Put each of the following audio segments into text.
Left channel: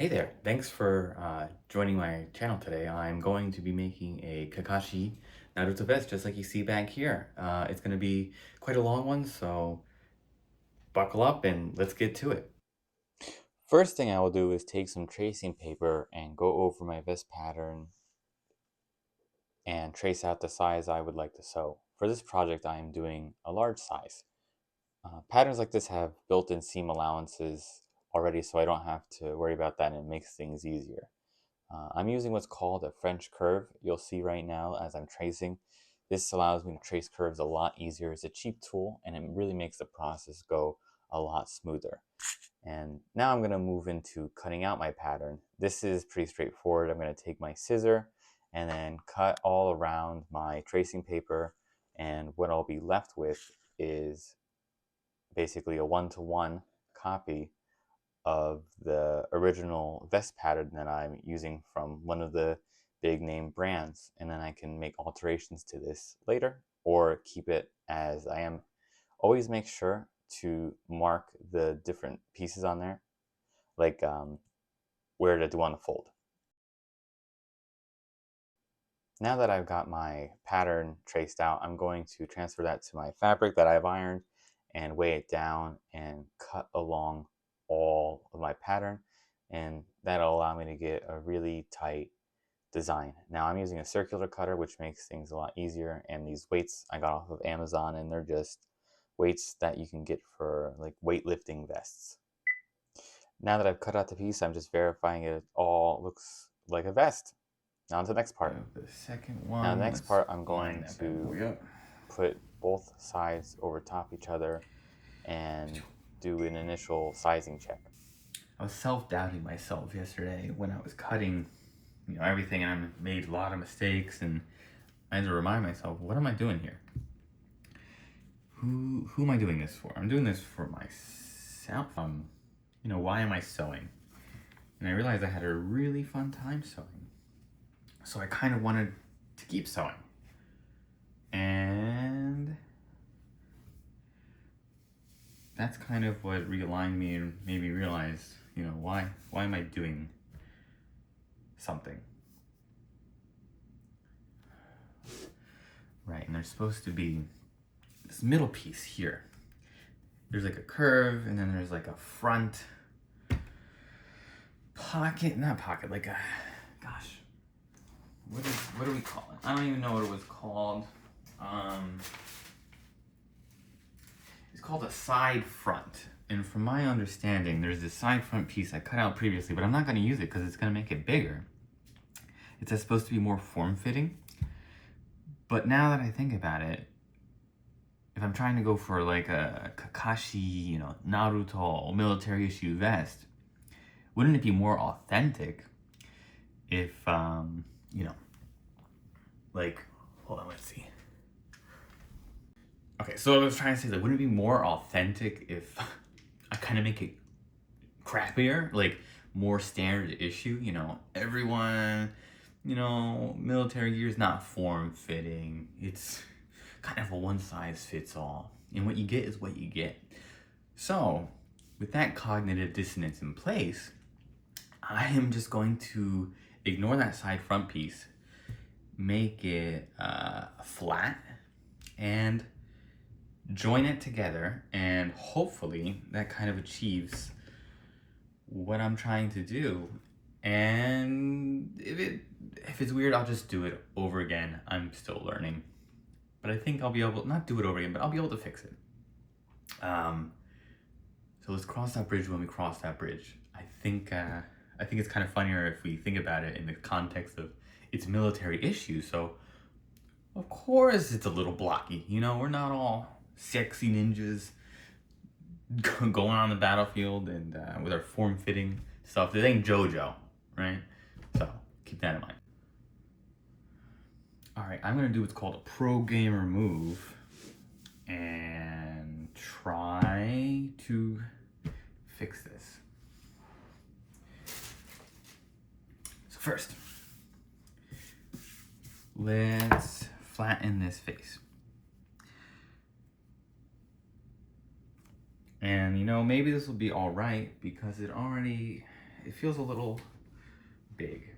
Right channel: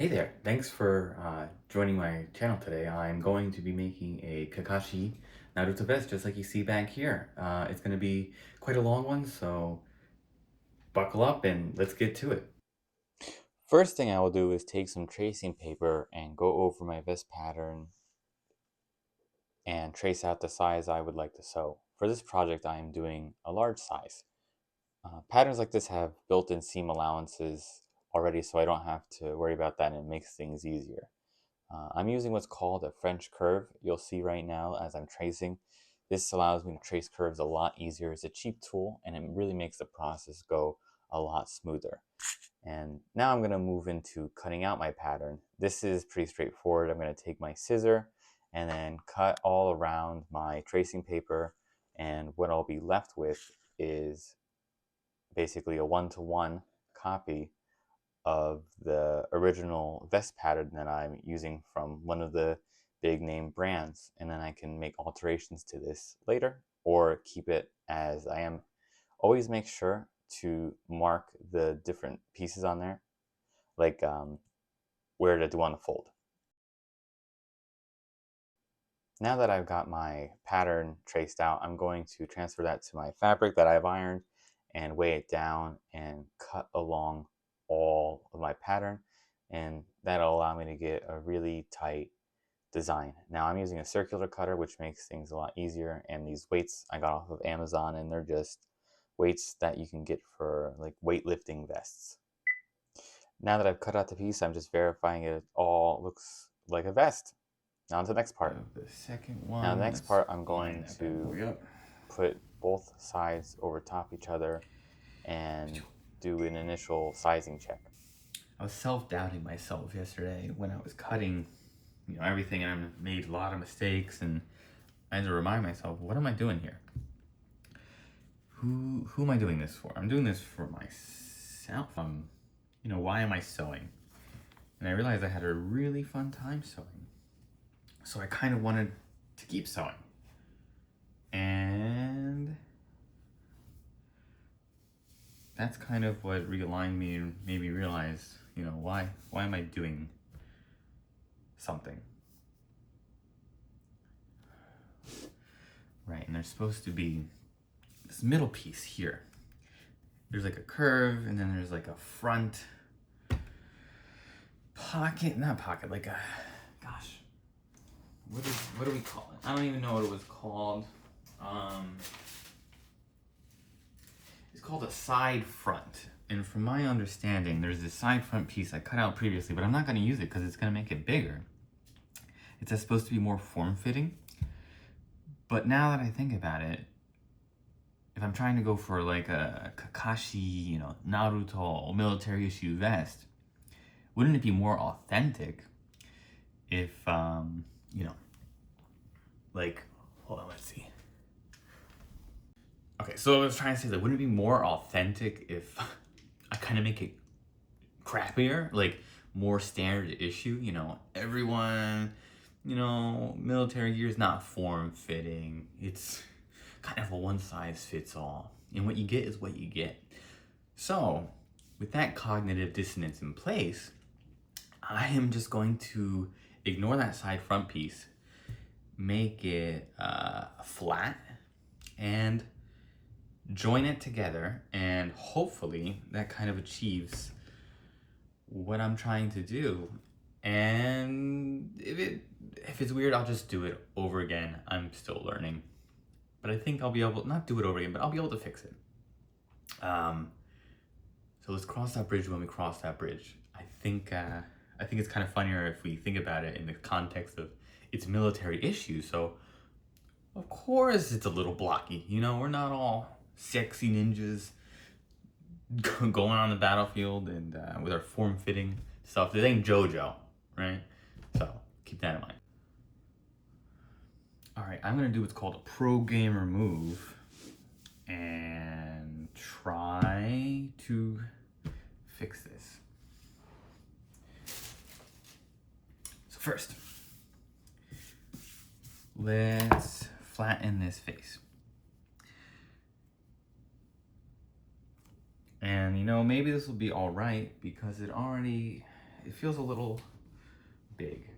Hey there, thanks for joining my channel today. I'm going to be making a Kakashi Naruto vest just like you see back here. It's going to be quite a long one, so buckle up and let's get to it. First thing I will do is take some tracing paper and go over my vest pattern and trace out the size I would like to sew. For this project I am doing a large size. Patterns like this have built-in seam allowances already, so I don't have to worry about that, and it makes things easier. I'm using what's called a French curve. You'll see right now as I'm tracing. This allows me to trace curves a lot easier. It's a cheap tool and it really makes the process go a lot smoother. And now I'm going to move into cutting out my pattern. This is pretty straightforward. I'm going to take my scissor and then cut all around my tracing paper. And what I'll be left with is basically a one-to-one copy of the original vest pattern that I'm using from one of the big name brands, and then I can make alterations to this later or keep it as I am. Always make sure to mark the different pieces on there, like where to do on the fold. Now that I've got my pattern traced out, I'm going to transfer that to my fabric that I've ironed and weigh it down and cut along all of my pattern, and that'll allow me to get a really tight design. Now I'm using a circular cutter, which makes things a lot easier, and these weights I got off of Amazon, and they're just weights that you can get for like weightlifting vests. Now that I've cut out the piece, I'm just verifying it all looks like a vest. Now to the next part. The second one. Now the next part, I'm going to put both sides over top each other and do an initial sizing check. I was self-doubting myself yesterday when I was cutting, everything, and I made a lot of mistakes, and I had to remind myself, what am I doing here? Who am I doing this for? I'm doing this for myself. Why am I sewing? And I realized I had a really fun time sewing. So I kind of wanted to keep sewing. And that's kind of what realigned me and made me realize, why am I doing something? Right, and there's supposed to be this middle piece here. There's like a curve, and then there's like a front pocket, not pocket, like a, gosh, what do we call it? I don't even know what it was called. It's called a side front. And from my understanding, there's this side front piece I cut out previously, but I'm not going to use it because it's going to make it bigger. It's supposed to be more form-fitting. But now that I think about it, if I'm trying to go for like a Kakashi, Naruto military issue vest, wouldn't it be more authentic if, like, hold on, let's see. Okay, so I was trying to say, like, wouldn't it be more authentic if I kind of make it crappier, like more standard issue? Everyone, military gear is not form-fitting. It's kind of a one-size-fits-all. And what you get is what you get. So, with that cognitive dissonance in place, I am just going to ignore that side front piece, make it flat, and join it together, and hopefully that kind of achieves what I'm trying to do. And if it's weird, I'll just do it over again. I'm still learning, but I think I'll be able, not do it over again, but I'll be able to fix it. So let's cross that bridge when we cross that bridge. I think it's kind of funnier if we think about it in the context of it's military issue. So of course it's a little blocky. We're not all sexy ninjas going on the battlefield and with our form-fitting stuff. This ain't JoJo, right? So keep that in mind. All right, I'm gonna do what's called a pro gamer move and try to fix this. So first, let's flatten this face. And maybe this will be all right because it already it feels a little big.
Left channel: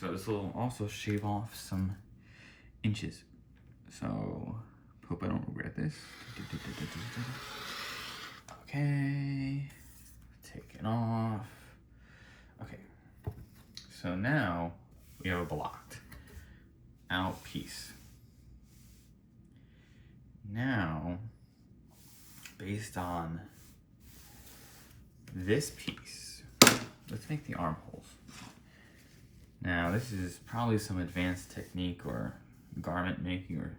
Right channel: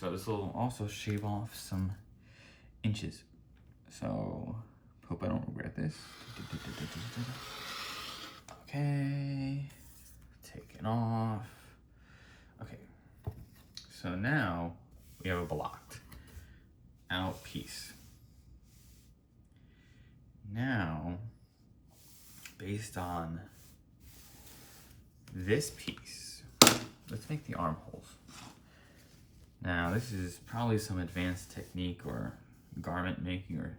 So this will also shave off some inches. So hope I don't regret this. Okay, take it off. Okay, so now we have a blocked out piece. Now, based on this piece, let's make the armholes. Now, this is probably some advanced technique or garment making or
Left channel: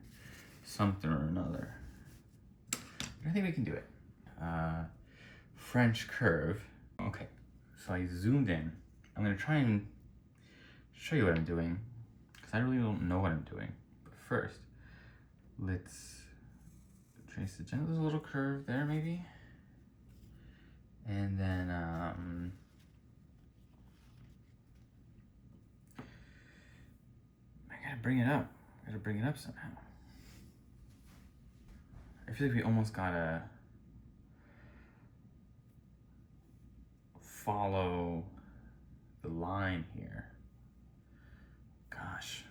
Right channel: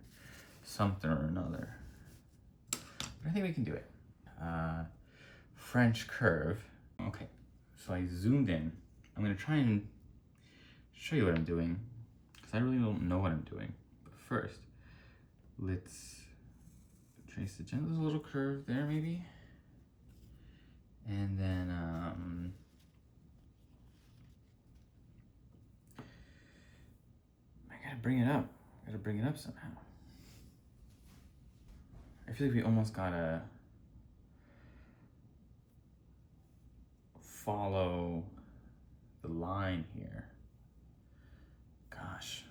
something or another. But I think we can do it. French curve. Okay, so I zoomed in. I'm gonna try and show you what I'm doing, because I really don't know what I'm doing. But first, let's trace the gentle. There's a little curve there, maybe. And then, I gotta bring it up. I gotta bring it up somehow. I feel like we almost gotta follow the line here. Gosh.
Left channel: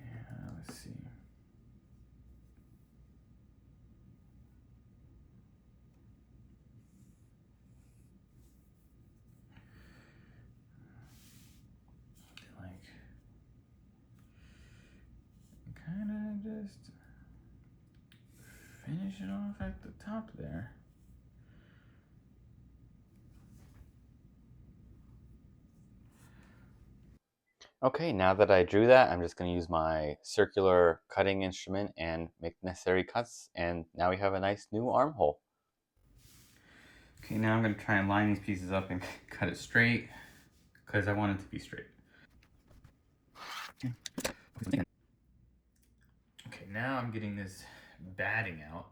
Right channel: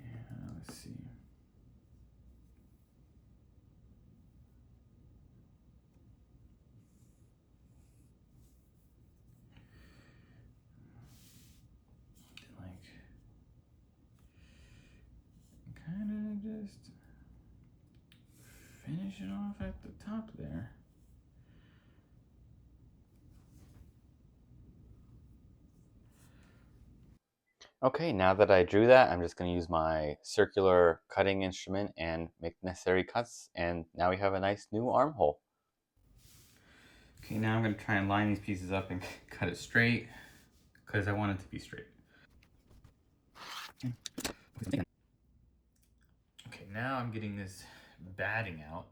Yeah, let's see. Like, kind of just finish it off at the top there. Okay, now that I drew that, I'm just going to use my circular cutting instrument and make necessary cuts, and now we have a nice new armhole. Okay, now I'm gonna try and line these pieces up and cut it straight, because I want it to be straight. Okay, now I'm getting this batting out.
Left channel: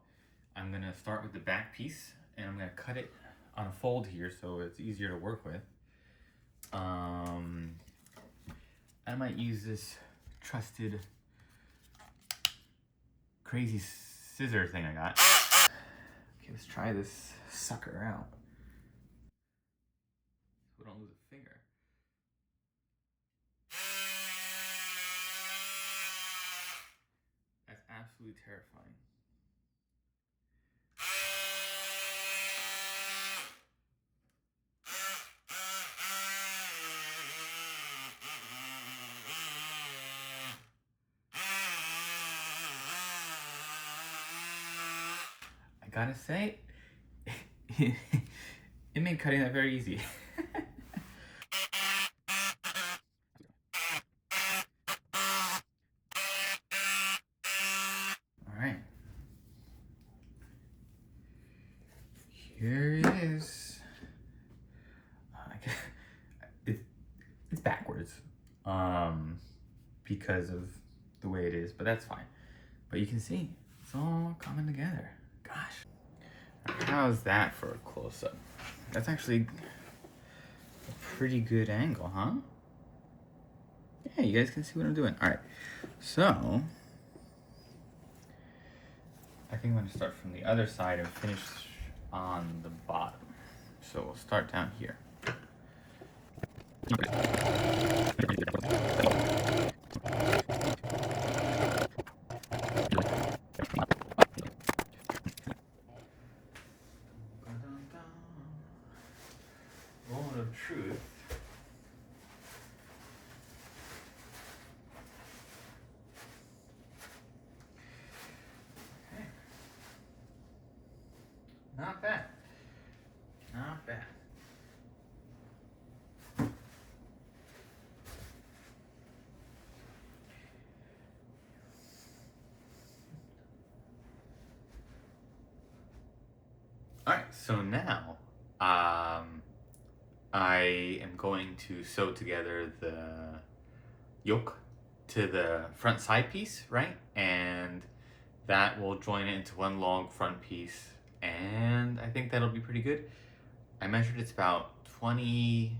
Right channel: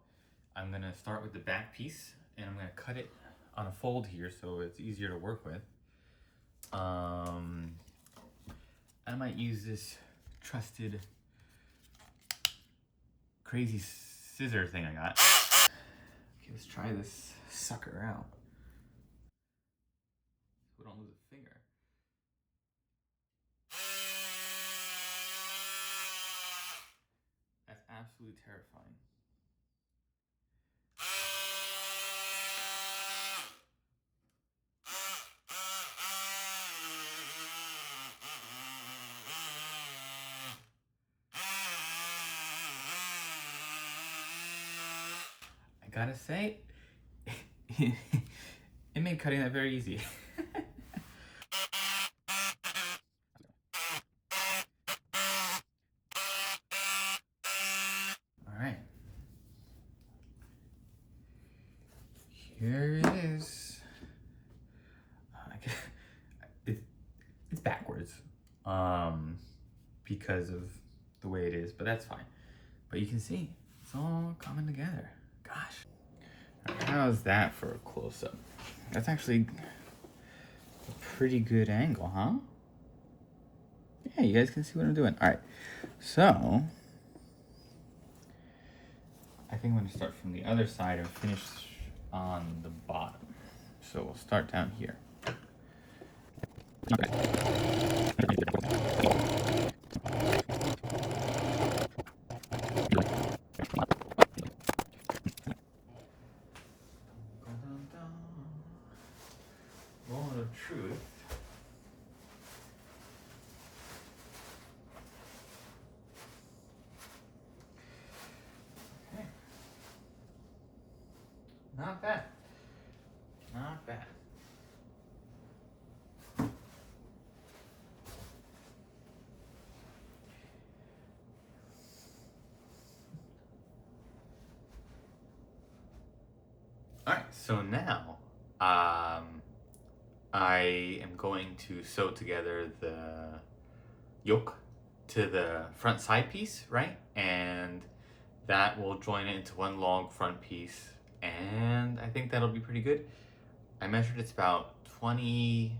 I'm gonna start with the back piece, and I'm gonna cut it on a fold here so it's easier to work with. I might use this trusted crazy scissor thing I got. Okay, let's try this sucker out. So we don't lose a finger. That's absolutely terrifying. I gotta say, it made cutting that very easy. All right. Here it is. It's backwards, because of the way it is, but that's fine. But you can see it's all coming together. Gosh, how's that for a close-up? That's actually a pretty good angle, huh? Yeah, you guys can see what I'm doing. All right, so I think I'm gonna start from the other side and finish on the bottom. So we'll start down here. Moment of truth. Okay. Not bad. Not bad. All right, so now I am going to sew together the yoke to the front side piece, right? And that will join it into one long front piece, and I think that'll be pretty good. I measured it's about 24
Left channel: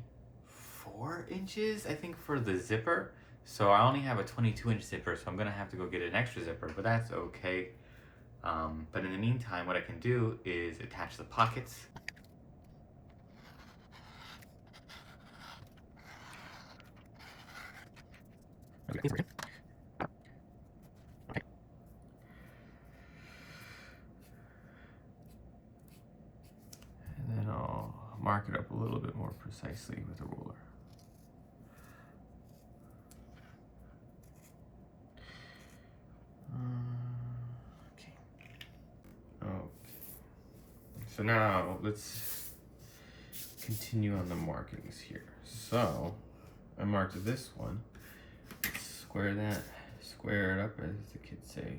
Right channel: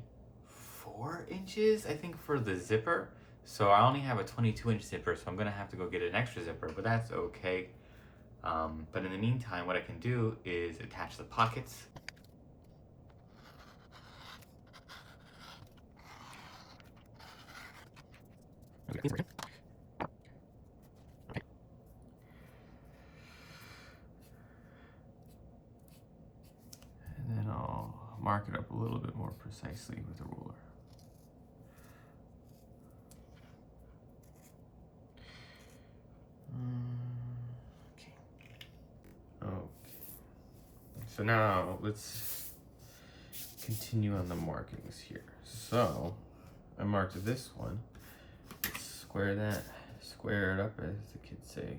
4 inches, I think, for the zipper. So I only have a 22-inch zipper, so I'm gonna have to go get an extra zipper, but that's okay. But in the meantime, what I can do is attach the pockets. Okay. And then I'll mark it up a little bit more precisely with a ruler. Okay. Okay. So now let's continue on the markings here. So I marked this one. Square that, square it up, as the kids say.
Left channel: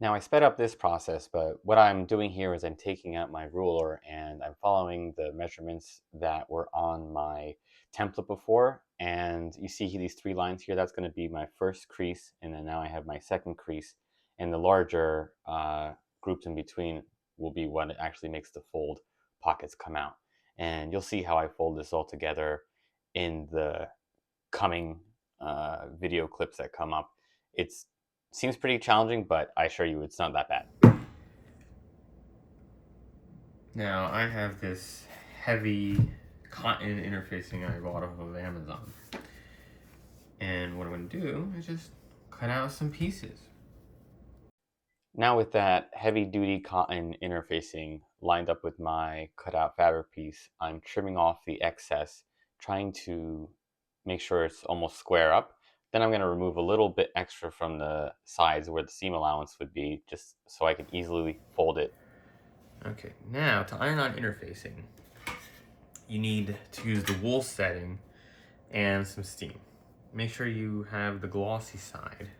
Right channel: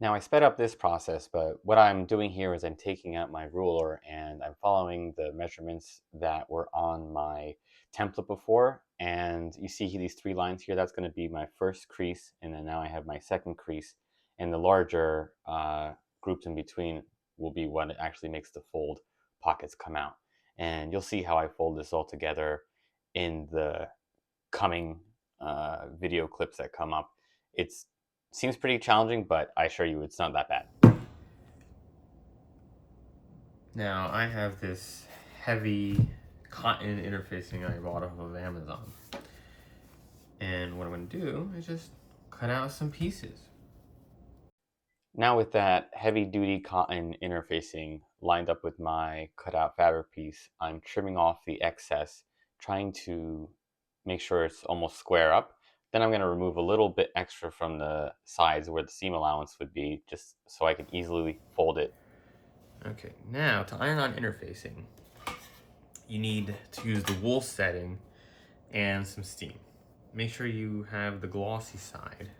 Now I sped up this process, but what I'm doing here is I'm taking out my ruler and I'm following the measurements that were on my template before. And you see these 3 lines here, that's going to be my first crease, and then now I have my second crease, and the larger groups in between will be what actually makes the fold pockets come out. And you'll see how I fold this all together in the coming video clips that come up. It's seems pretty challenging, but I assure you it's not that bad. Now I have this heavy cotton interfacing I bought off of Amazon. And what I'm going to do is just cut out some pieces. Now with that heavy-duty cotton interfacing lined up with my cutout fabric piece, I'm trimming off the excess, trying to make sure it's almost square up. Then I'm going to remove a little bit extra from the sides where the seam allowance would be, just so I can easily fold it. Okay, now to iron on interfacing, you need to use the wool setting and some steam. Make sure you have the glossy side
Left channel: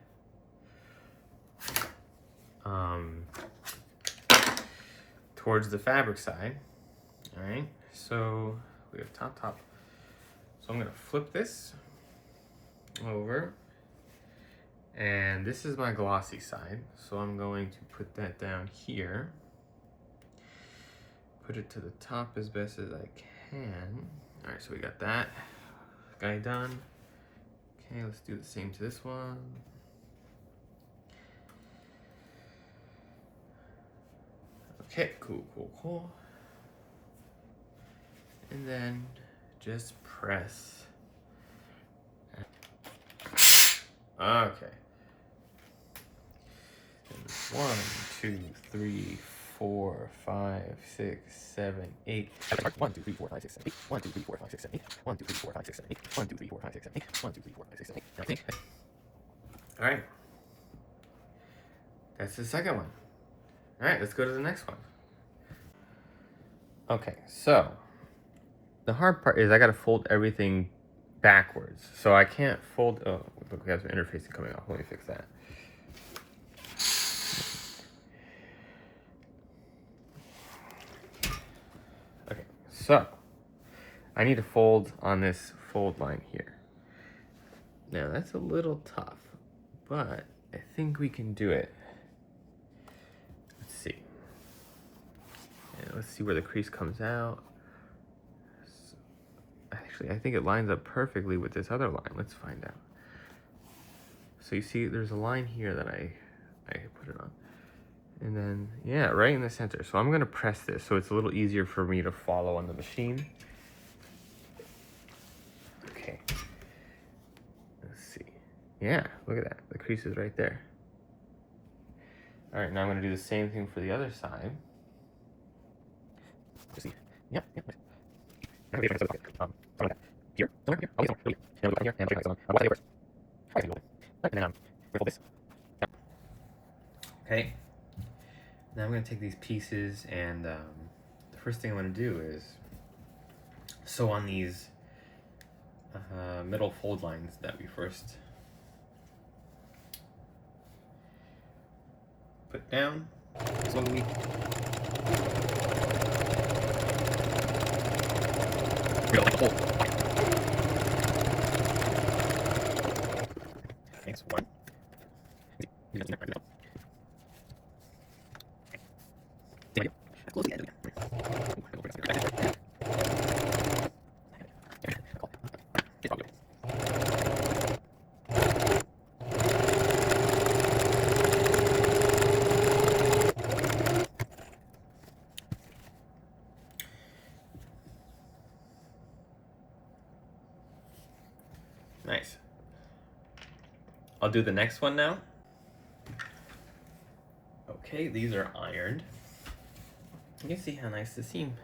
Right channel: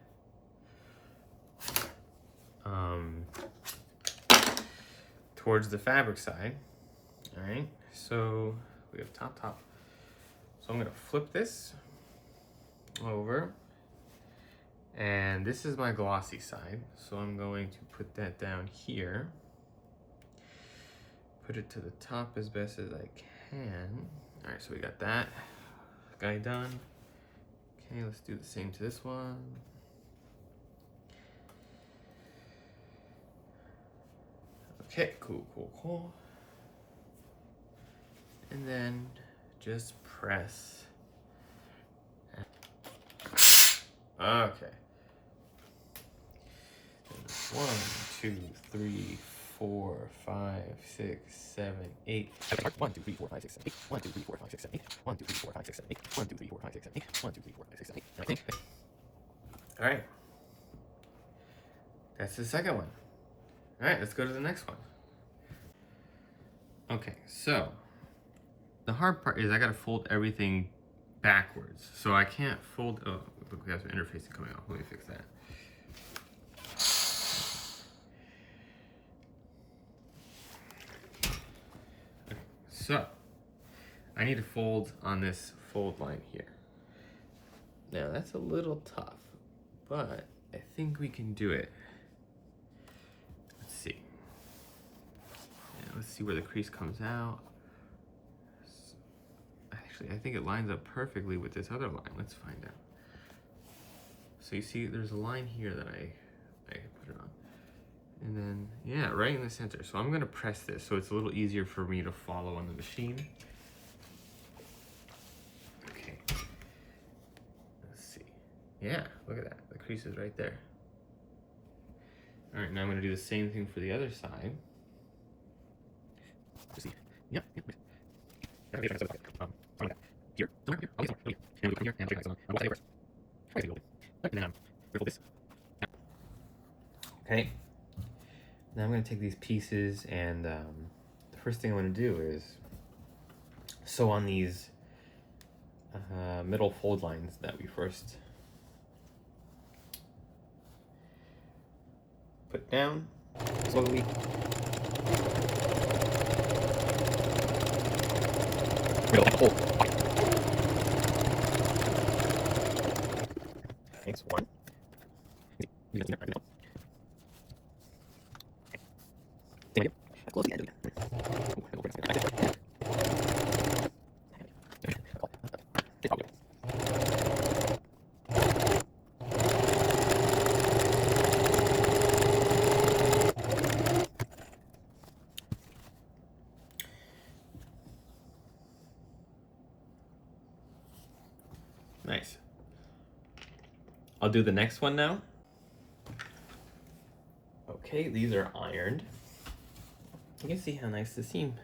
towards the fabric side. All right, so we have top. So I'm gonna flip this over, and this is my glossy side. So I'm going to put that down here. Put it to the top as best as I can. All right, so we got that guy done. Okay, let's do the same to this one. Okay, cool. And then just press. Okay. 1, 2, 3, 4, 5, 6, 7, 8. 1, 2, 3, 4, 5, 6, 7, 8. 1, 2, 3, 4, 5, 6, 7, 8. 1, 2, 3, 4, 5, 6, 7, 8. 1, 2, 3, 4, 5, 6, 7, 8. 1, 2, 3, 4, 5, 6, 7, 8. I think. All right. That's the second one. All right, let's go to the next one. Okay, so the hard part is I gotta fold everything backwards. So I can't fold, oh, look, we have some interfacing coming off. Let me fix that. Okay, so I need to fold on this fold line here. Now that's a little tough, but I think we can do it. Let's see. Yeah, let's see where the crease comes out. Actually, I think it lines up perfectly with this other line. Let's find out. So you see there's a line here that I put it on. And then, yeah, right in the center. So I'm gonna press this so it's a little easier for me to follow on the machine. Okay. Let's see. Yeah, look at that. The crease is right there. All right, now I'm gonna do the same thing for the other side. Let's see. Yep. Here. Somewhere here. I'll get somewhere. And we'll go down here and check this on. I'll first. All right, and then we fold this. Okay. Now I'm going to take these pieces, and the first thing I'm going to do is sew on these middle fold lines that we first put down slowly. Thanks, one. Close the end. I'll do the next one now. Okay, these are ironed. You can see how nice the seam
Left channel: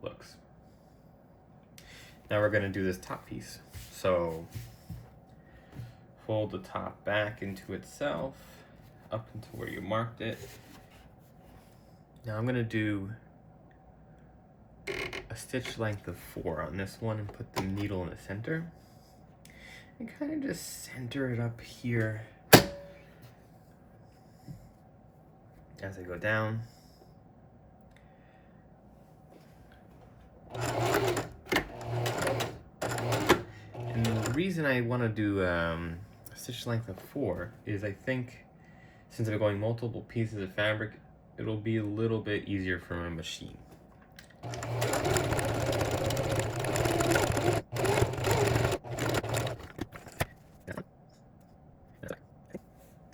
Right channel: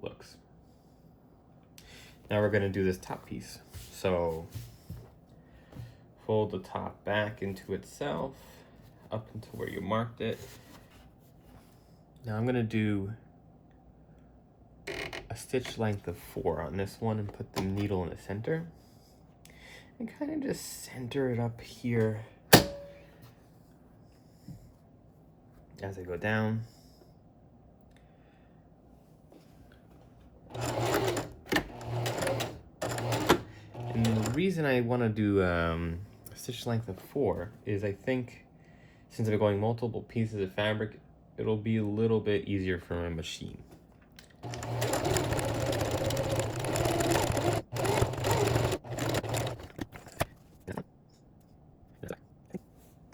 looks. Now we're going to do this top piece. So fold the top back into itself, up into where you marked it. Now I'm going to do a stitch length of 4 on this one and put the needle in the center. And kind of just center it up here as I go down. And the reason I want to do a stitch length of 4 is I think since I'm going multiple pieces of fabric, it'll be a little bit easier for my machine.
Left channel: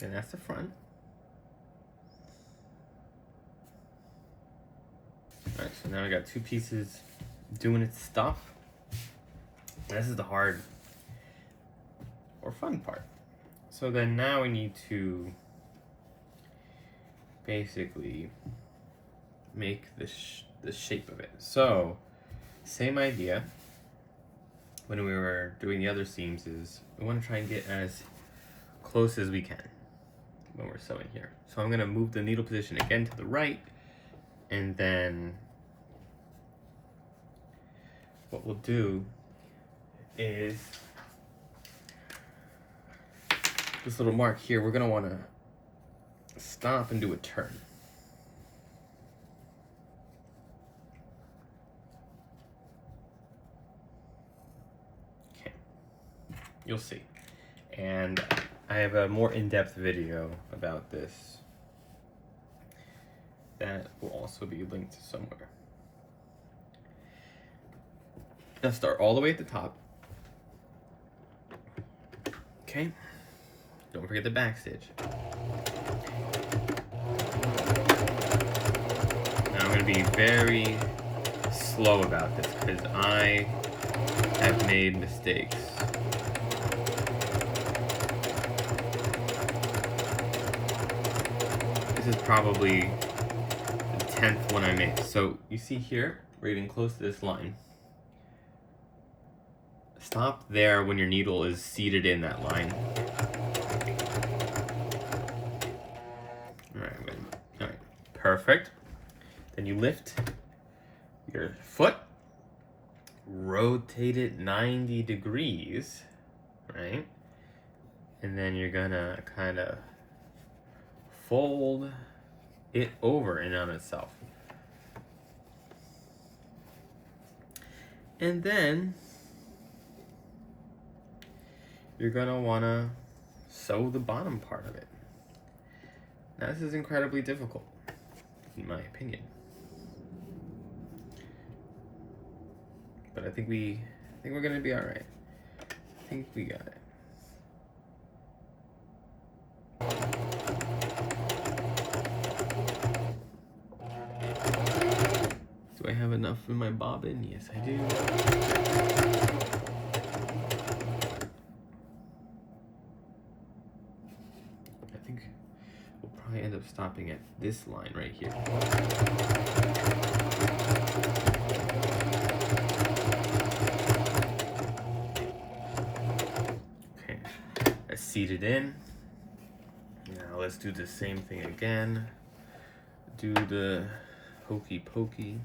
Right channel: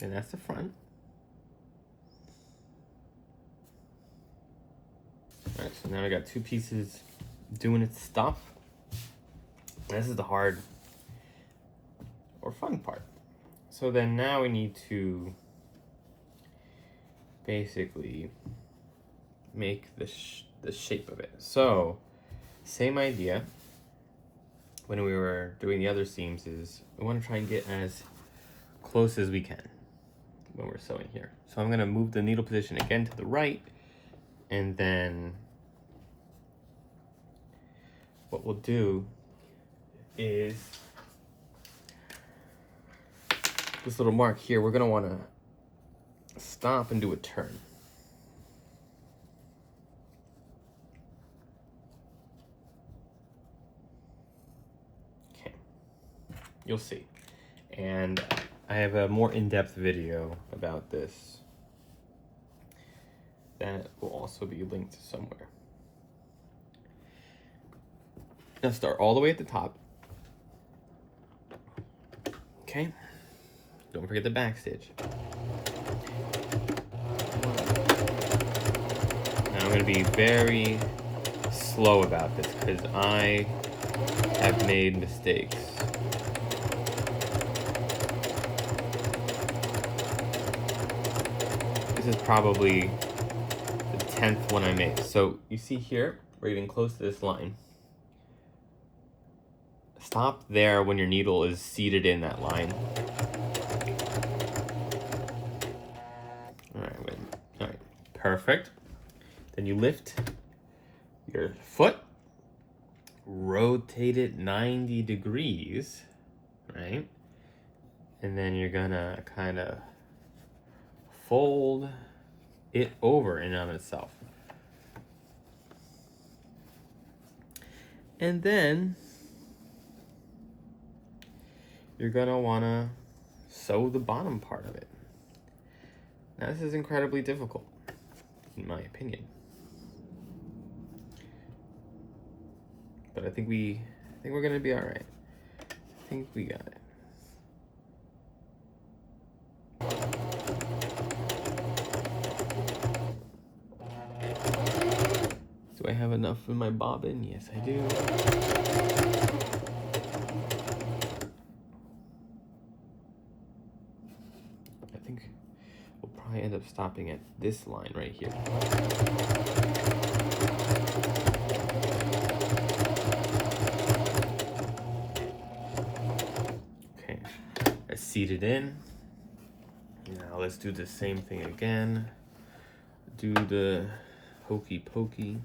And that's the front. Alright, so now we got 2 pieces doing its stuff. This is the hard or fun part. So then now we need to basically make the shape of it. So same idea when we were doing the other seams is we want to try and get as close as we can when we're sewing here. So I'm going to move the needle position again to the right, and then what we'll do is this little mark here, we're going to want to stop and do a turn. Okay, you'll see. And I have a more in-depth video about this that will also be linked somewhere. Now start all the way at the top. Okay, don't forget the back stitch. Now I'm going to be very slow about this because I have made mistakes. This is probably the 10th one I make. So you see here, we're getting close to this line. Stop there when your needle is seated in that line. Alright, perfect. Then you lift your foot, rotate it 90 degrees, right? And then you're gonna kind of fold it over and on itself. And then you're gonna wanna sew the bottom part of it. Now this is incredibly difficult, in my opinion. But I think we're gonna be all right. I think we got it. Do I have enough in my bobbin? Yes, I do. I think we'll probably end up stopping at this line right here. Okay, let's seat it in. Now let's do the same thing again. Do the hokey pokey.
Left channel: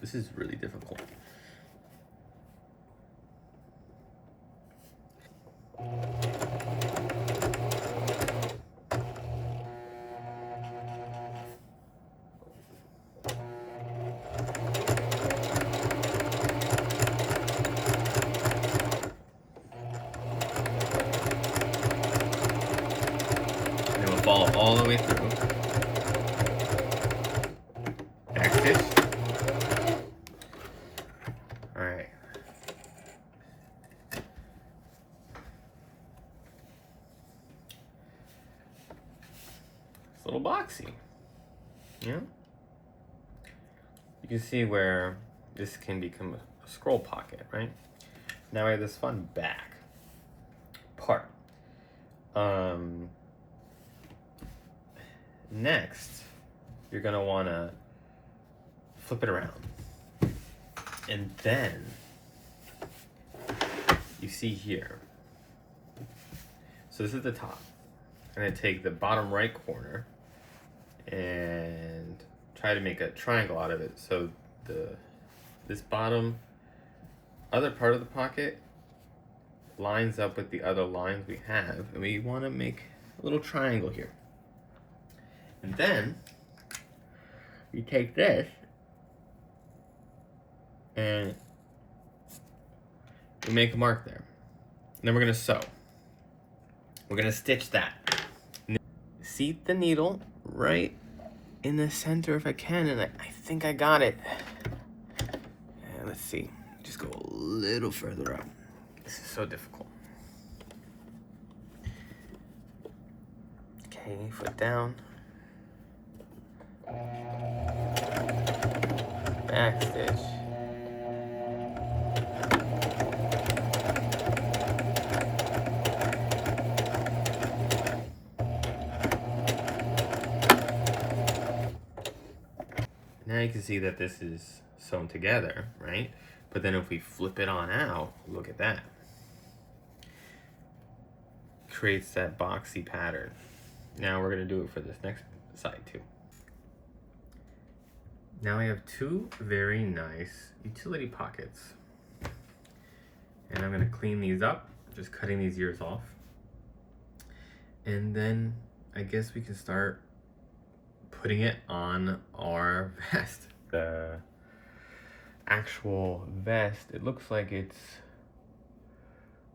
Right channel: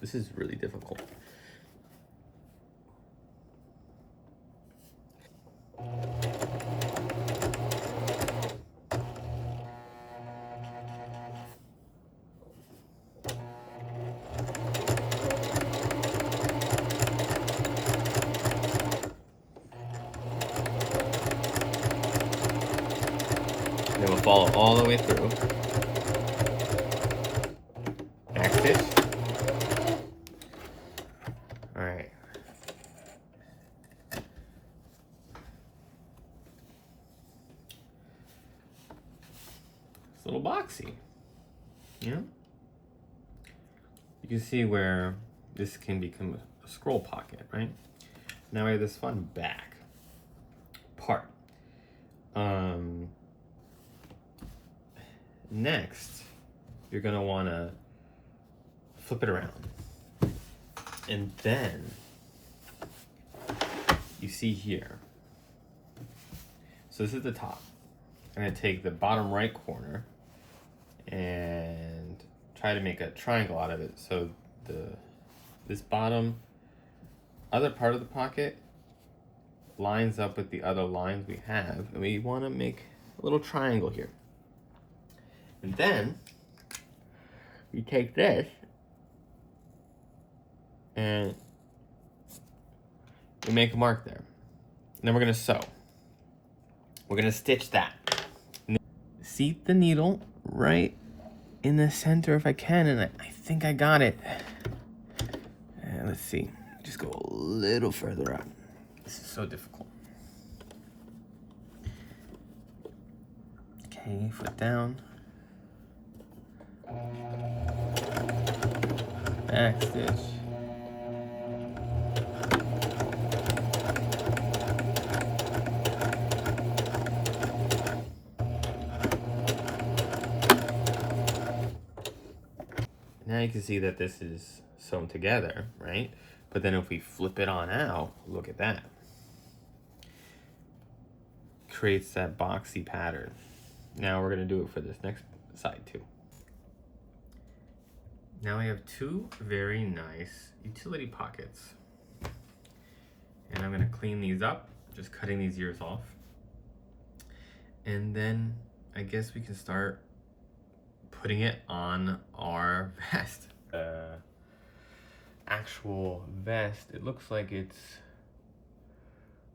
This is really difficult. And then we'll follow all the way through. Back stitch. Alright. It's a little boxy. Yeah? You can see where this can become a scroll pocket, right? Now I have this fun back part. Next, you're gonna wanna flip it around. And then, you see here, so this is the top. I'm gonna take the bottom right corner and try to make a triangle out of it. So this bottom other part of the pocket lines up with the other lines we have, and we want to make a little triangle here. And then you take this and you make a mark there. And then we're gonna sew. We're gonna stitch that. Seat the needle right in the center if I can, and I think I got it. And let's see, just go a little further up. This is so difficult. Okay, foot down. Back stitch. Now you can see that this is sewn together, right? But then if we flip it on out, look at that. Creates that boxy pattern. Now we're gonna do it for this next side too. Now we have two very nice utility pockets. And I'm gonna clean these up, just cutting these ears off. And then I guess we can start putting it on our vest. The actual vest, it looks like it's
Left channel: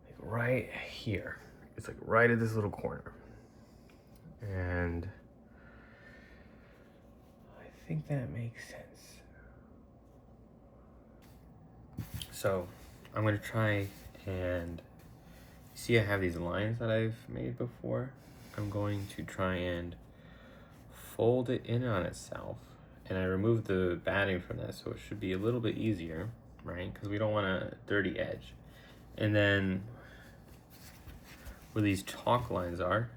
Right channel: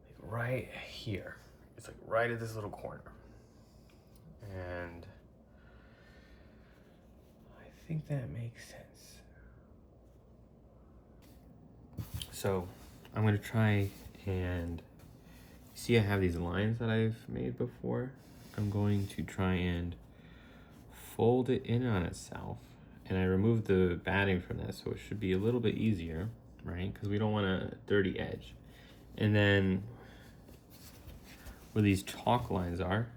like right here. It's like right at this little corner. And I think that makes sense. So I'm gonna try and see, I have these lines that I've made before. I'm going to try and fold it in on itself, and I removed the batting from that, so it should be a little bit easier, right? Because we don't want a dirty edge. And then where these chalk lines are,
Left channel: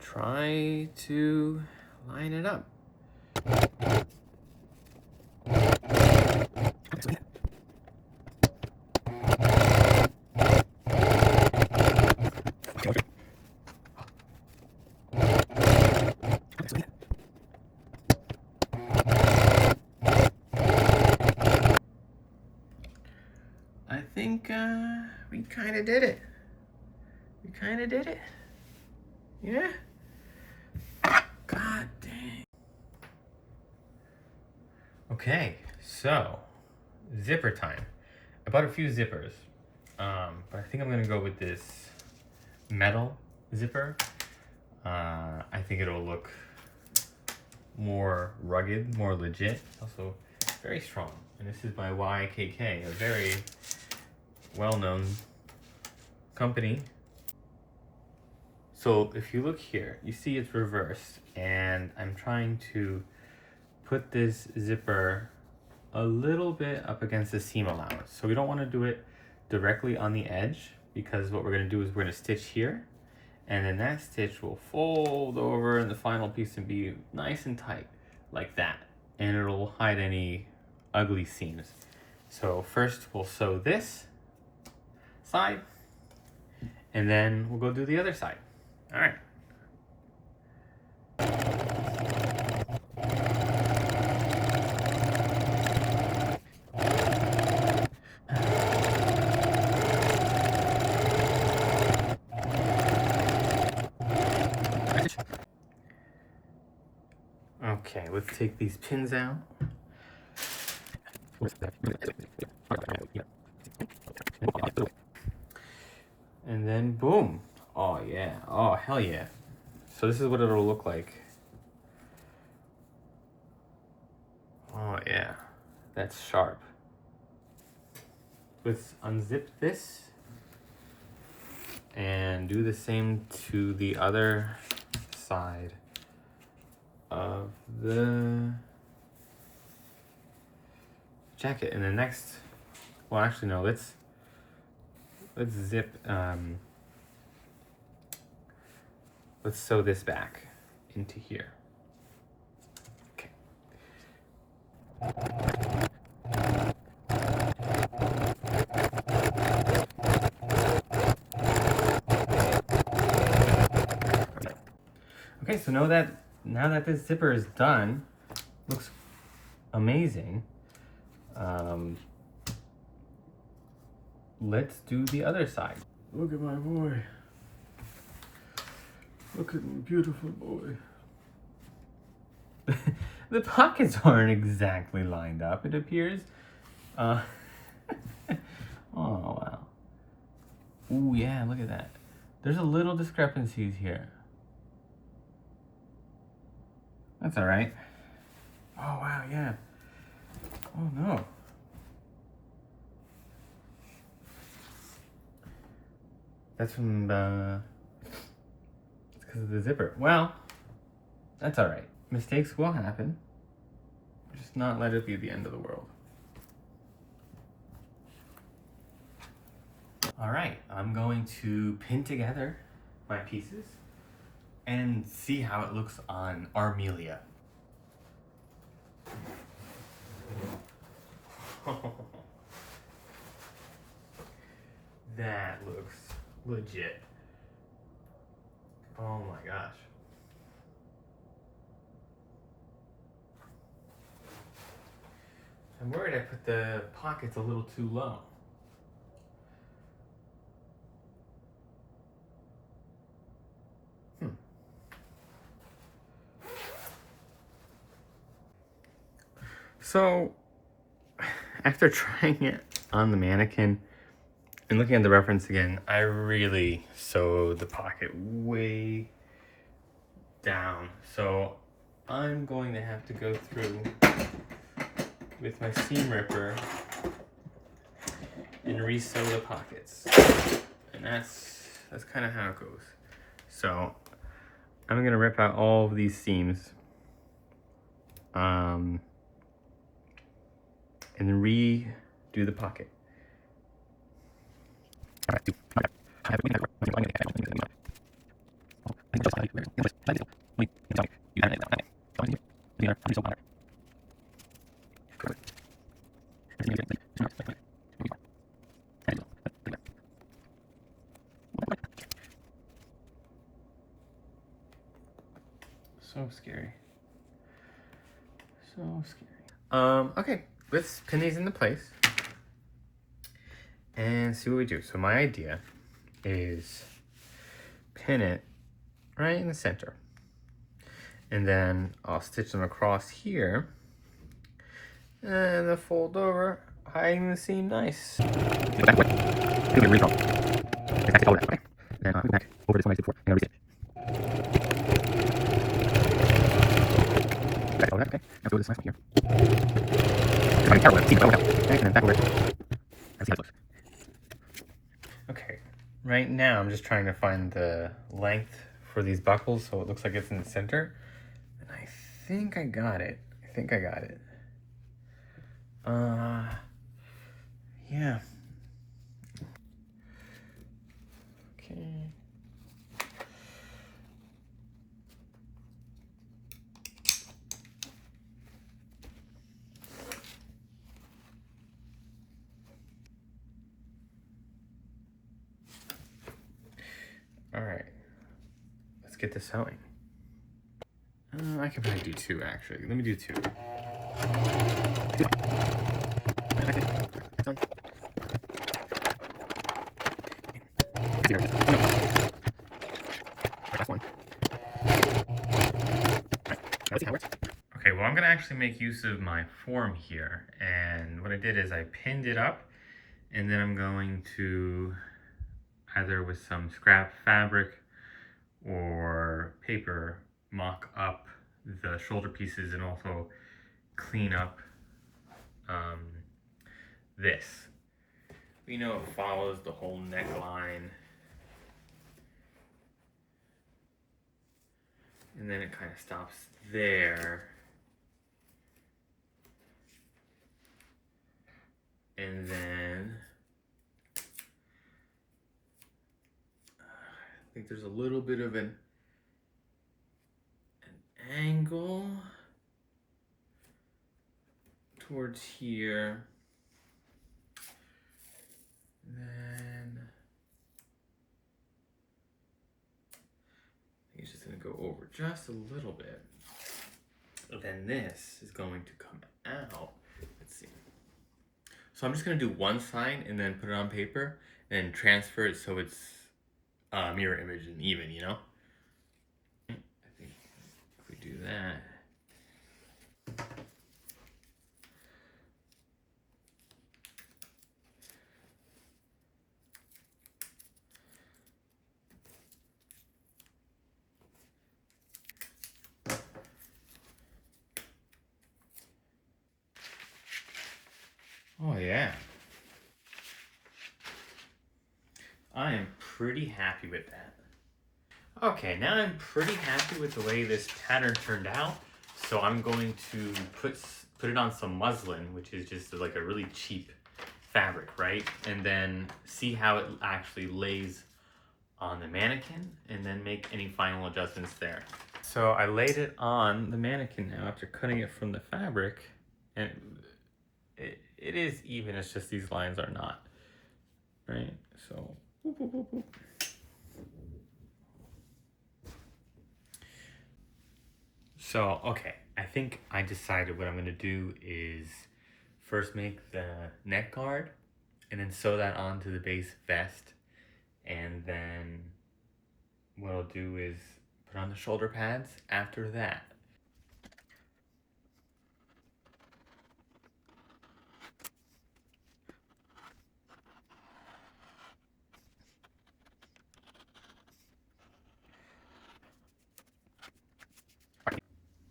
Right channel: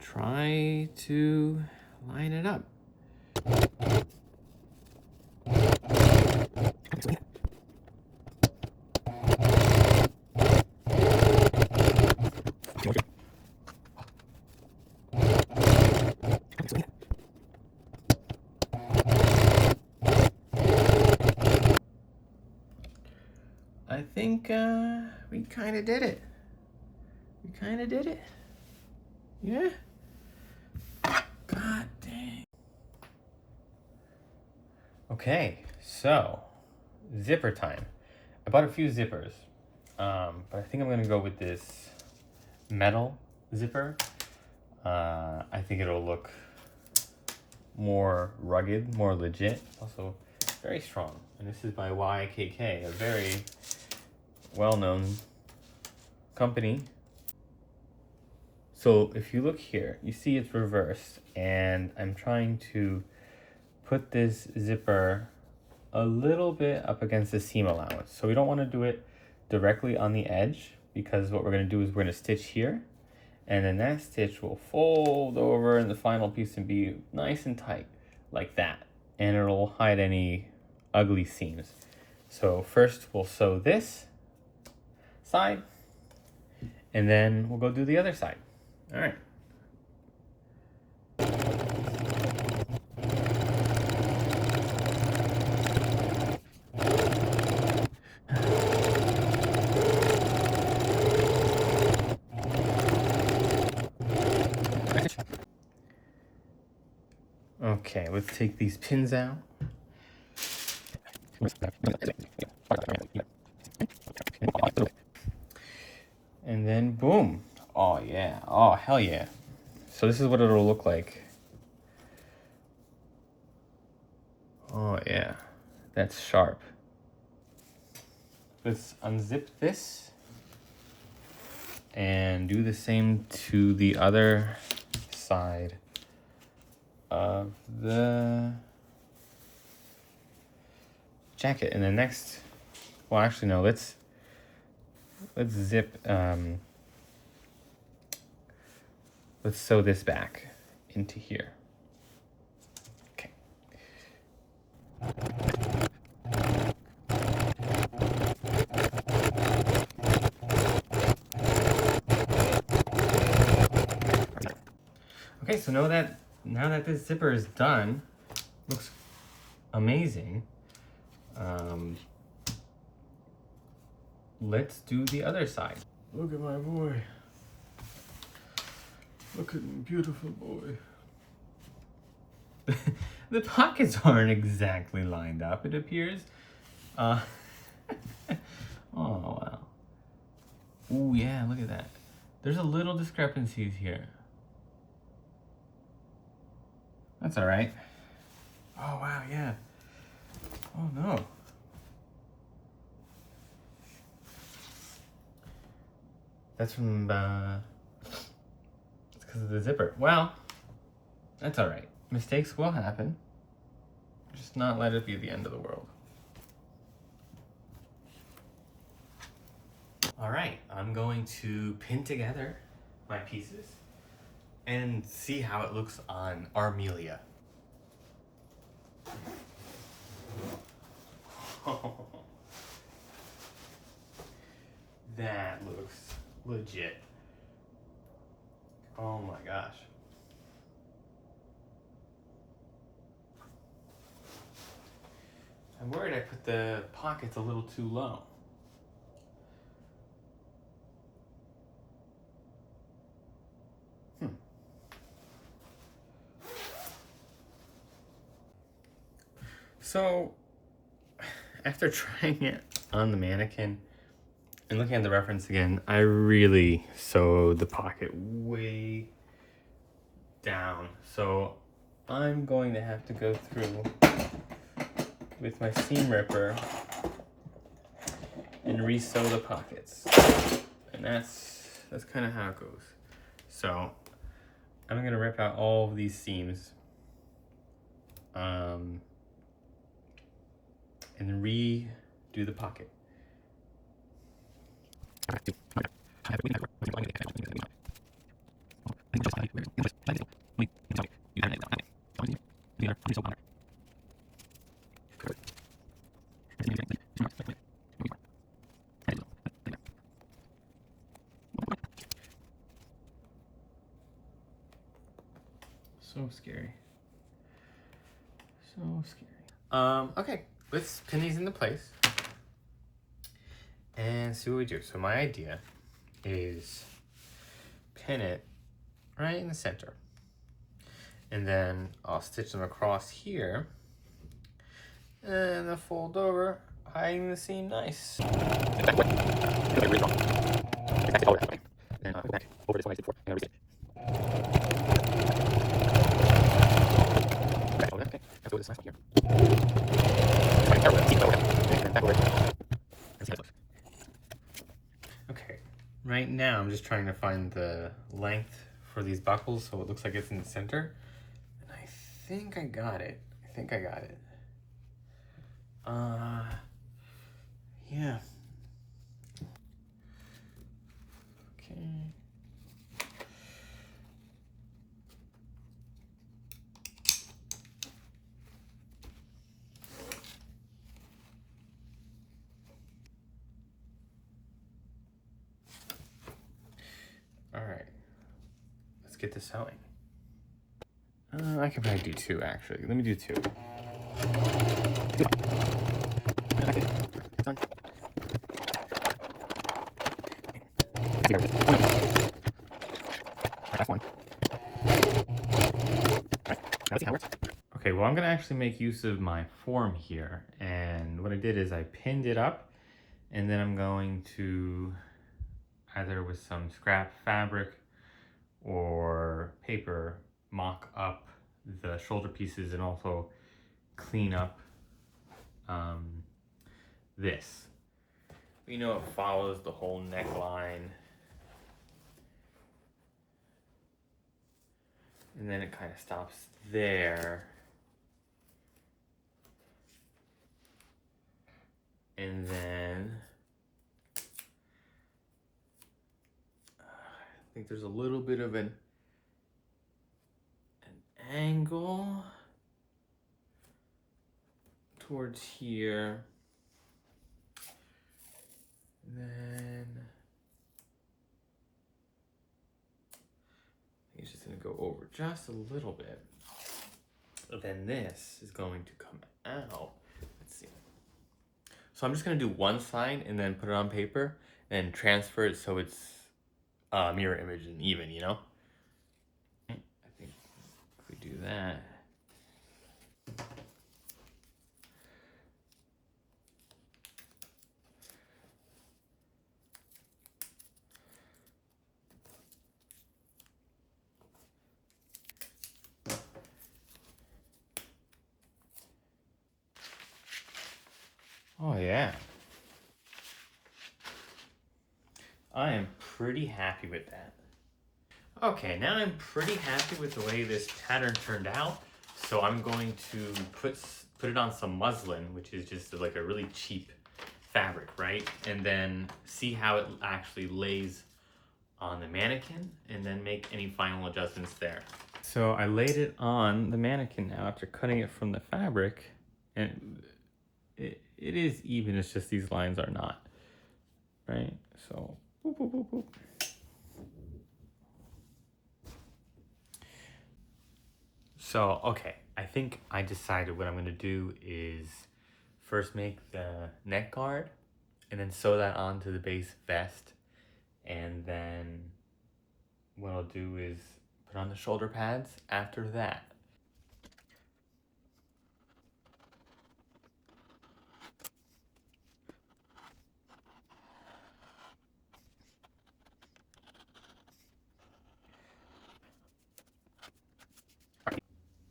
try to line it up. I think we kind of did it. We kind of did it. Yeah. God dang. Okay, so zipper time. I bought a few zippers, but I think I'm gonna go with this metal zipper. I think it'll look more rugged, more legit, also very strong. And this is by YKK, a very well-known company. So if you look here, you see it's reversed, and I'm trying to put this zipper a little bit up against the seam allowance. So we don't want to do it directly on the edge, because what we're going to do is we're going to stitch here, and then that stitch will fold over in the final piece and be nice and tight like that, and it'll hide any ugly seams. So first we'll sew this side, and then we'll go do the other side. All right. Okay, let's take these pins out. And then boom. Oh yeah. Oh hell yeah. So this is what it'll look like. Oh yeah. That's sharp. Let's unzip this and do the same to the other side of the jacket. And then next Well, actually, no. Let's zip. Let's sew this back into here. Okay. Okay, so now that this zipper is done, looks amazing. Let's do the other side. Look at my boy. Look at my beautiful boy. The pockets aren't exactly lined up, it appears. Oh, wow. Ooh, yeah, look at that. There's a little discrepancies here. That's all right. Oh, wow, yeah. Oh, no. That's from, it's because of the zipper. Well, that's all right. Mistakes will happen. Just not let it be the end of the world. All right, I'm going to pin together my pieces and see how it looks on Armelia. That looks legit. Oh my gosh. I'm worried I put the pockets a little too low. So, after trying it on the mannequin and looking at the reference again, I really sewed the pocket way down. So, I'm going to have to go through with my seam ripper and re-sew the pockets. And that's kind of how it goes. So, I'm gonna rip out all of these seams. And then redo the pocket. So scary. So scary. Okay, let's pin these into place and see what we do. So my idea is pin it right in the center. And then I'll stitch them across here and then fold over, hiding the seam nice. Okay, right now I'm just trying to find the length for these buckles so it looks like it's in the center. And I think I got it. Yeah. Okay. All right. Let's get this sewing. I can probably do two, actually. Let me do two. Okay, well, I'm gonna actually make use of my form here. And what I did is I pinned it up, and then I'm going to, either with some scrap fabric or paper, mock up the shoulder pieces and also clean up this. You know, it follows the whole neckline. And then it kind of stops there. And then like there's a little bit of an angle towards here. And then he's just gonna go over just a little bit. But then this is going to come out. Let's see. So I'm just gonna do one side and then put it on paper and transfer it so it's mirror image and even, you know? I think if we do that. Oh yeah. I am pretty happy with that. Okay, now I'm pretty happy with the way this pattern turned out. So I'm going to put it on some muslin, which is just like a really cheap fabric, right? And then see how it actually lays on the mannequin and then make any final adjustments there. So I laid it on the mannequin now after cutting it from the fabric, and it is even, it's just these lines are not, right? So boop, boop, boop, boop. So okay, I think I decided what I'm gonna do is first make the neck guard and then sew that onto the base vest, and then what I'll do is put on the shoulder pads after that.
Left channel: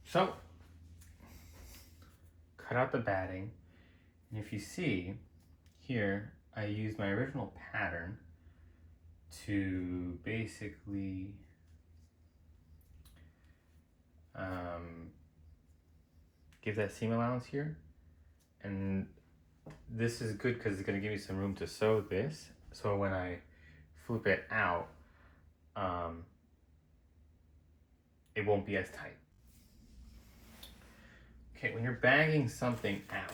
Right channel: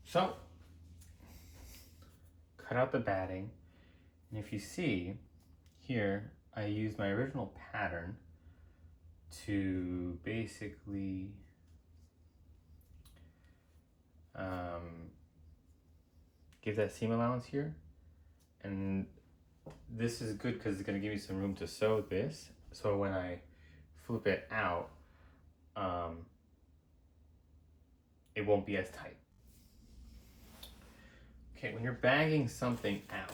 So cut out the batting, and if you see here, I used my original pattern to basically give that seam allowance here, and this is good because it's going to give me some room to sew this, so when I flip it out, it won't be as tight. Okay, when you're bagging something out,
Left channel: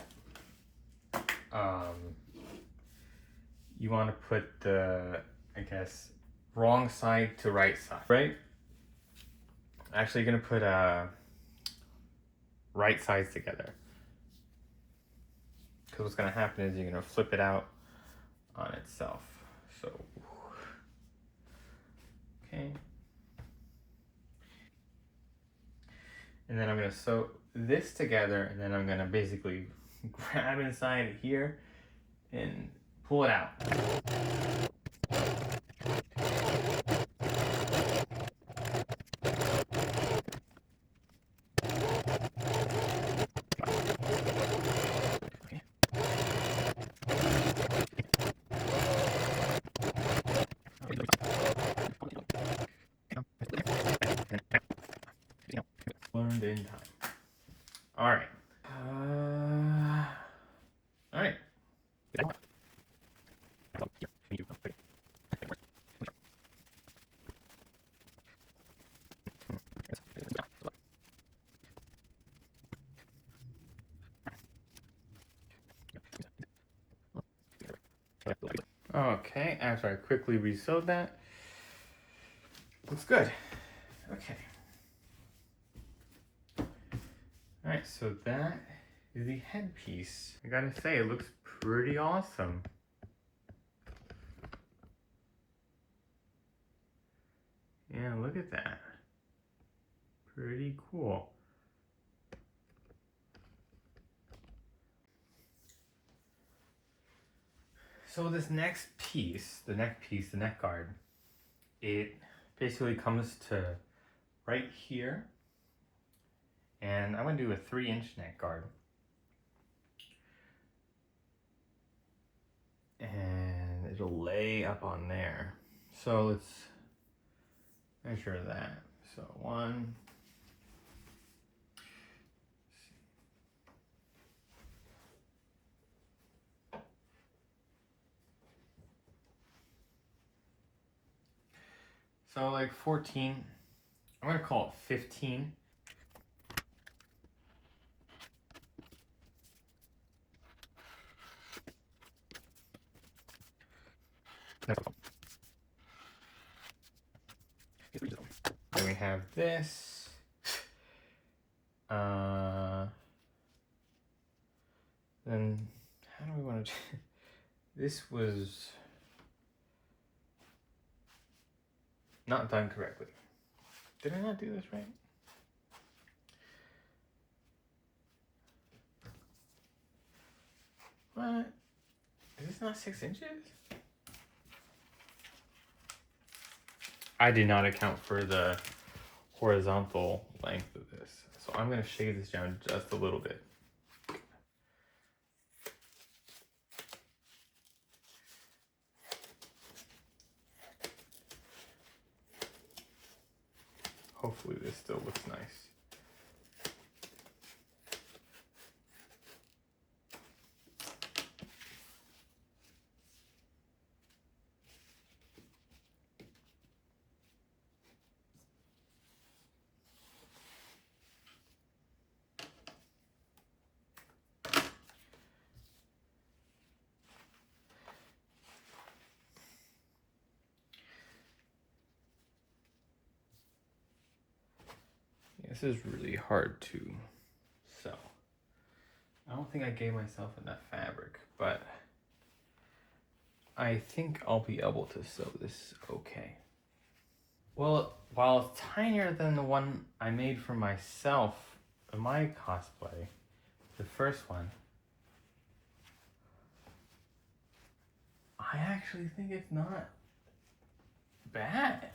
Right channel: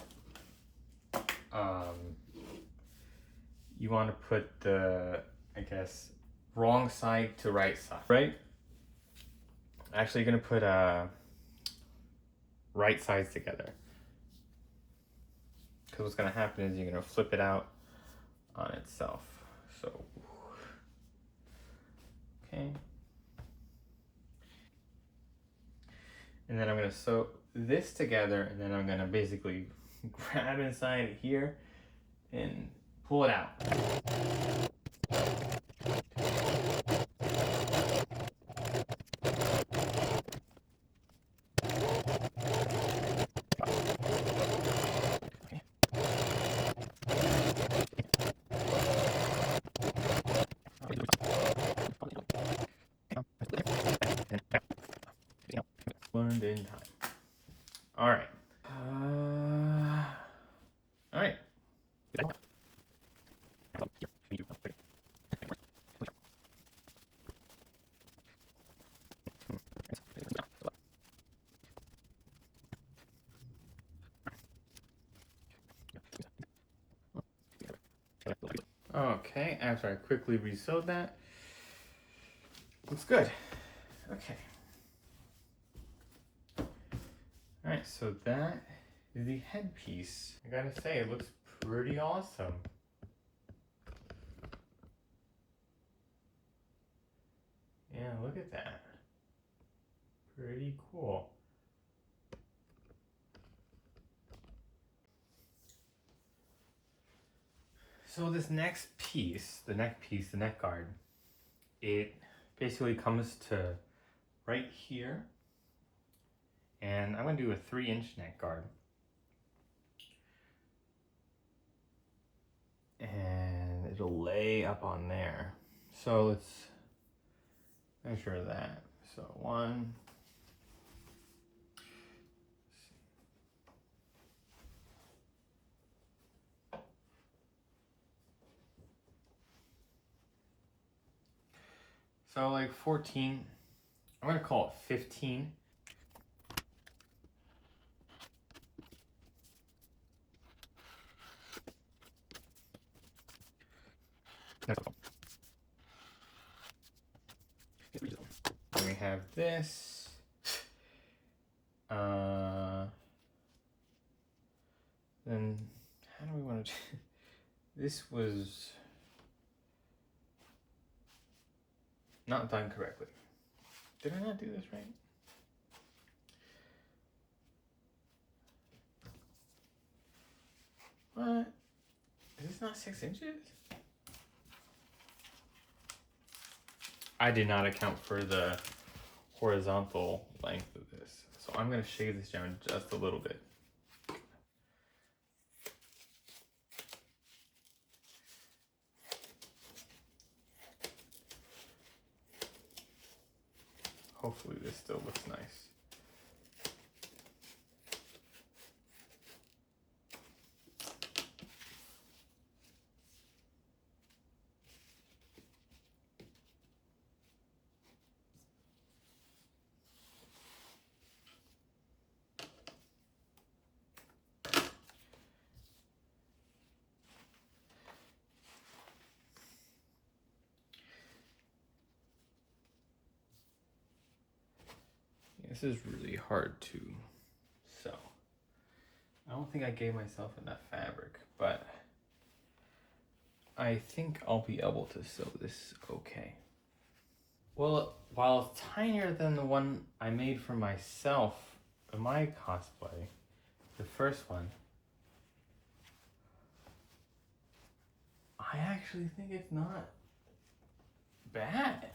you want to put the, I guess, wrong side to right side, right? Actually, you're gonna put right sides together, because what's gonna happen is you're gonna flip it out on itself. So, okay. And then I'm gonna sew this together, and then I'm gonna basically grab inside here and pull it out. Learned in time. All right. All right. Okay, after I quickly re-sewed that, looks good. Okay. Alright, so that is the headpiece. I gotta say, it looks pretty awesome. Yeah, look at that. Pretty cool. So this next piece, the neck guard, it basically comes to right here. And I'm gonna do a 3-inch neck guard. And it'll lay up on there. So let's measure that. So 1, So like 14, I'm gonna call it 15. Then we have this. Then how do we want to do this? Was not done correctly. Did I not do this right? What? Is this not 6 inches? I did not account for the horizontal length of this. So I'm going to shave this down just a little bit. Hopefully this still looks nice. This is really hard to sew. I don't think I gave myself enough fabric, but I think I'll be able to sew this okay. Well, while it's tinier than the one I made for myself in my cosplay, the first one, I actually think it's not bad.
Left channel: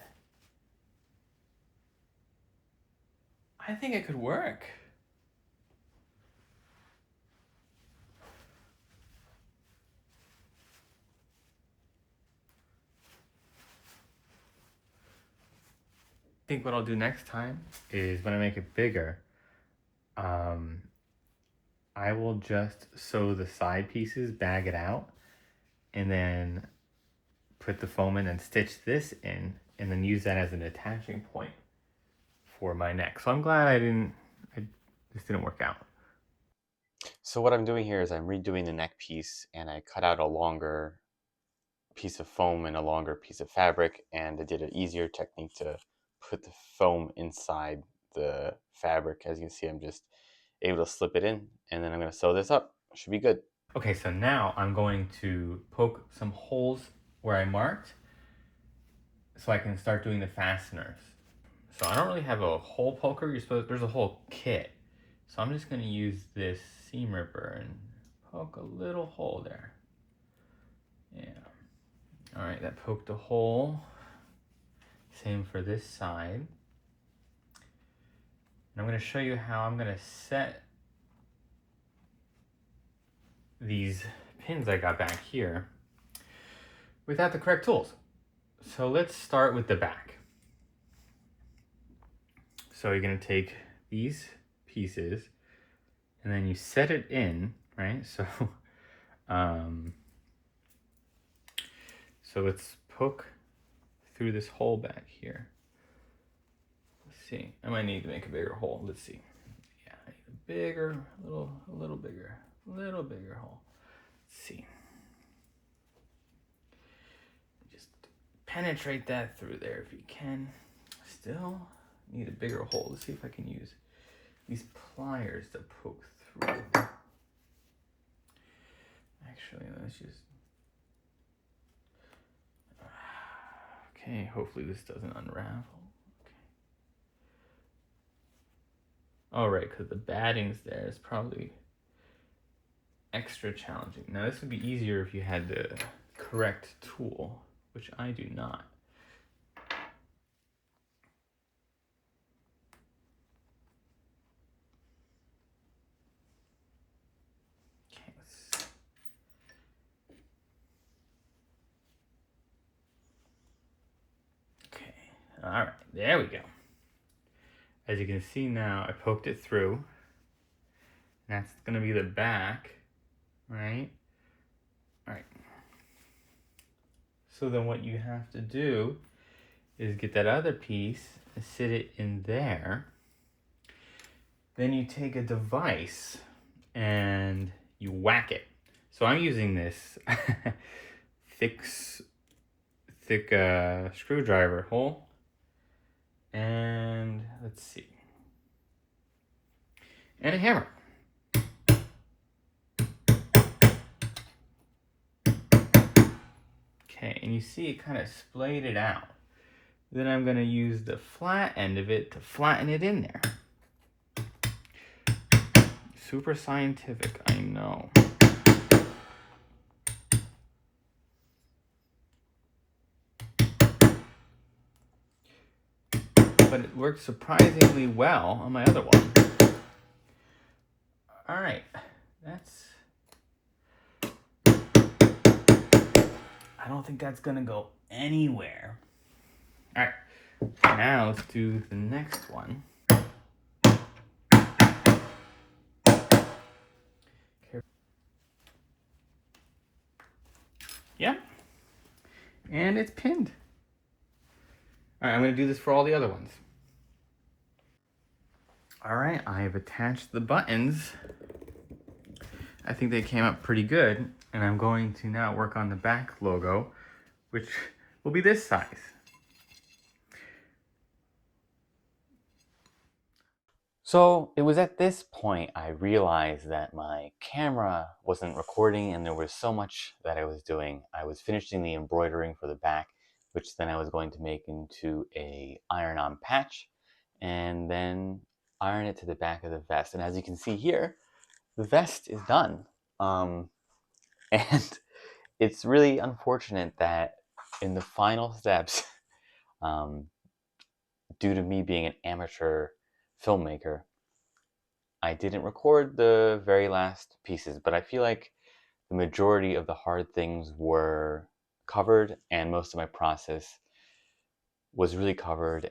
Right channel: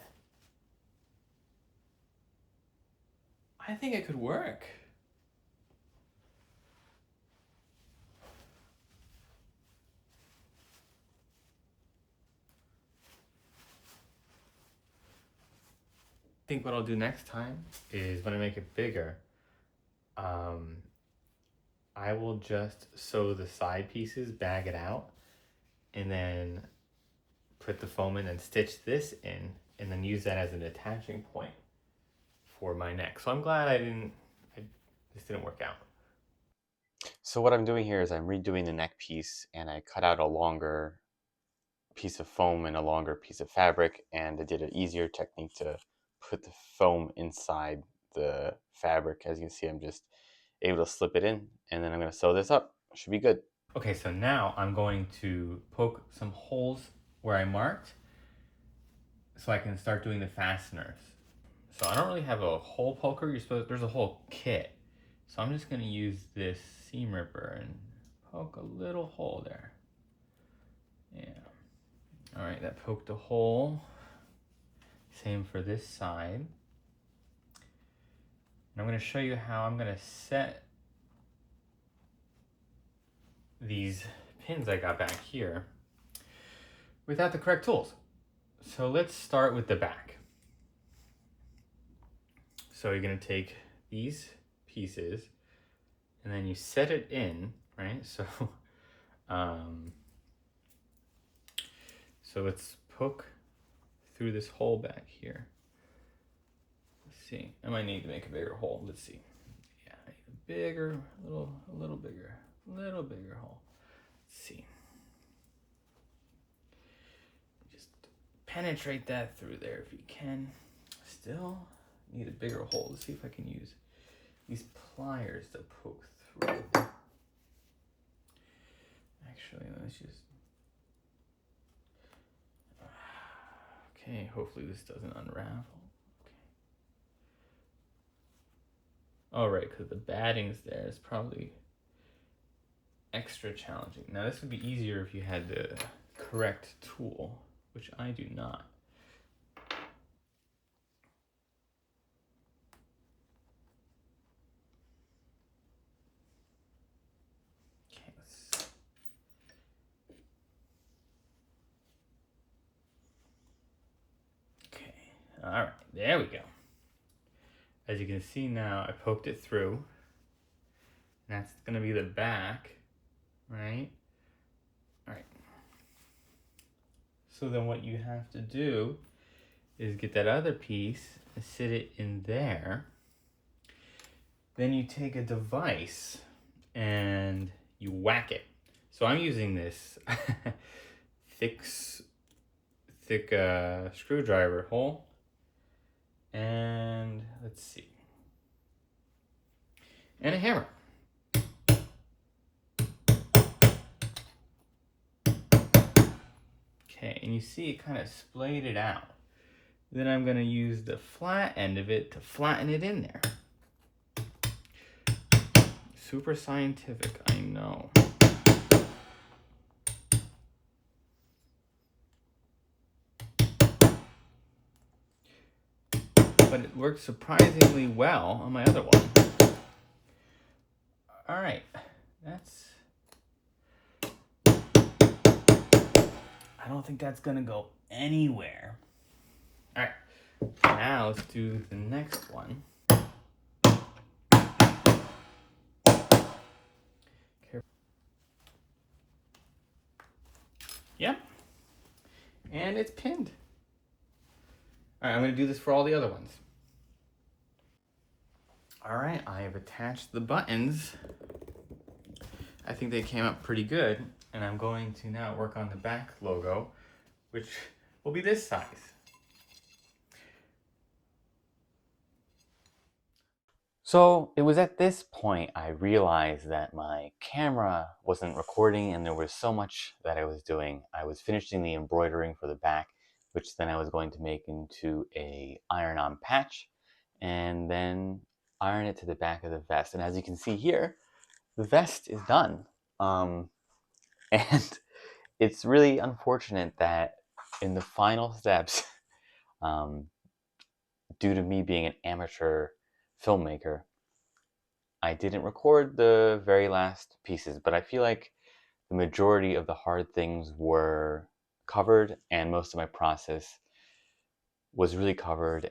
I think it could work. I think what I'll do next time is when I make it bigger, I will just sew the side pieces, bag it out, and then put the foam in and stitch this in, and then use that as an attaching point for my neck. So I'm glad this didn't work out. So what I'm doing here is I'm redoing the neck piece, and I cut out a longer piece of foam and a longer piece of fabric, and I did an easier technique to put the foam inside the fabric. As you can see, I'm just able to slip it in, and then I'm going to sew this up. It should be good. Okay, so now I'm going to poke some holes where I marked so I can start doing the fasteners. So I don't really have a hole poker. There's a whole kit. So I'm just going to use this seam ripper and poke a little hole there. Yeah. All right, that poked a hole. Same for this side. And I'm going to show you how I'm going to set these pins I got back here without the correct tools. So let's start with the back. So you're going to take these pieces and then you set it in, right? So so let's poke through this hole back here. Let's see. I might need to make a bigger hole. Let's see. Yeah, I need a bigger, a little bigger hole. Let's see. Just penetrate that through there if you can. Still need a bigger hole. Let's see if I can use these pliers to poke through. Actually, let's just... Okay, hopefully this doesn't unravel. Okay. Oh, right, because the batting's there is probably extra challenging. Now, this would be easier if you had the correct tool, which I do not. Okay, okay, all right, there we go. As you can see now, I poked it through. That's gonna be the back, right? All right. So then what you have to do is get that other piece and sit it in there. Then you take a device and you whack it. So I'm using this thick screwdriver hole. And let's see. And a hammer. Okay, and you see it kind of splayed it out. Then I'm going to use the flat end of it to flatten it in there. Super scientific, I know. But it worked surprisingly well on my other one. Alright, I don't think that's going to go anywhere. Alright, now let's do the next one. Yep. And it's pinned. Alright, I'm going to do this for all the other ones. Alright, I have attached the buttons. I think they came out pretty good. And I'm going to now work on the back logo, which will be this size. So it was at this point I realized that my camera wasn't recording and there was so much that I was doing. I was finishing the embroidering for the back, which then I was going to make into a iron-on patch and then iron it to the back of the vest. And as you can see here, the vest is done. And it's really unfortunate that in the final steps, due to me being an amateur filmmaker, I didn't record the very last pieces, but I feel like the majority of the hard things were covered and most of my process was really covered,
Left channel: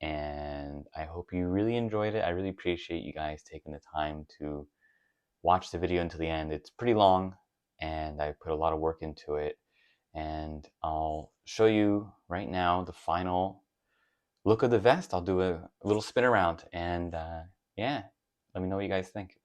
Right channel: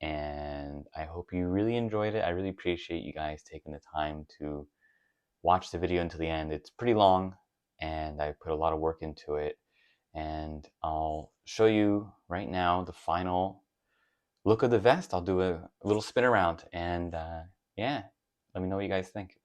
and I hope you really enjoyed it. I really appreciate you guys taking the time to watch the video until the end. It's pretty long and I put a lot of work into it, and I'll show you right now the final look of the vest. I'll do a little spin around and yeah, let me know what you guys think.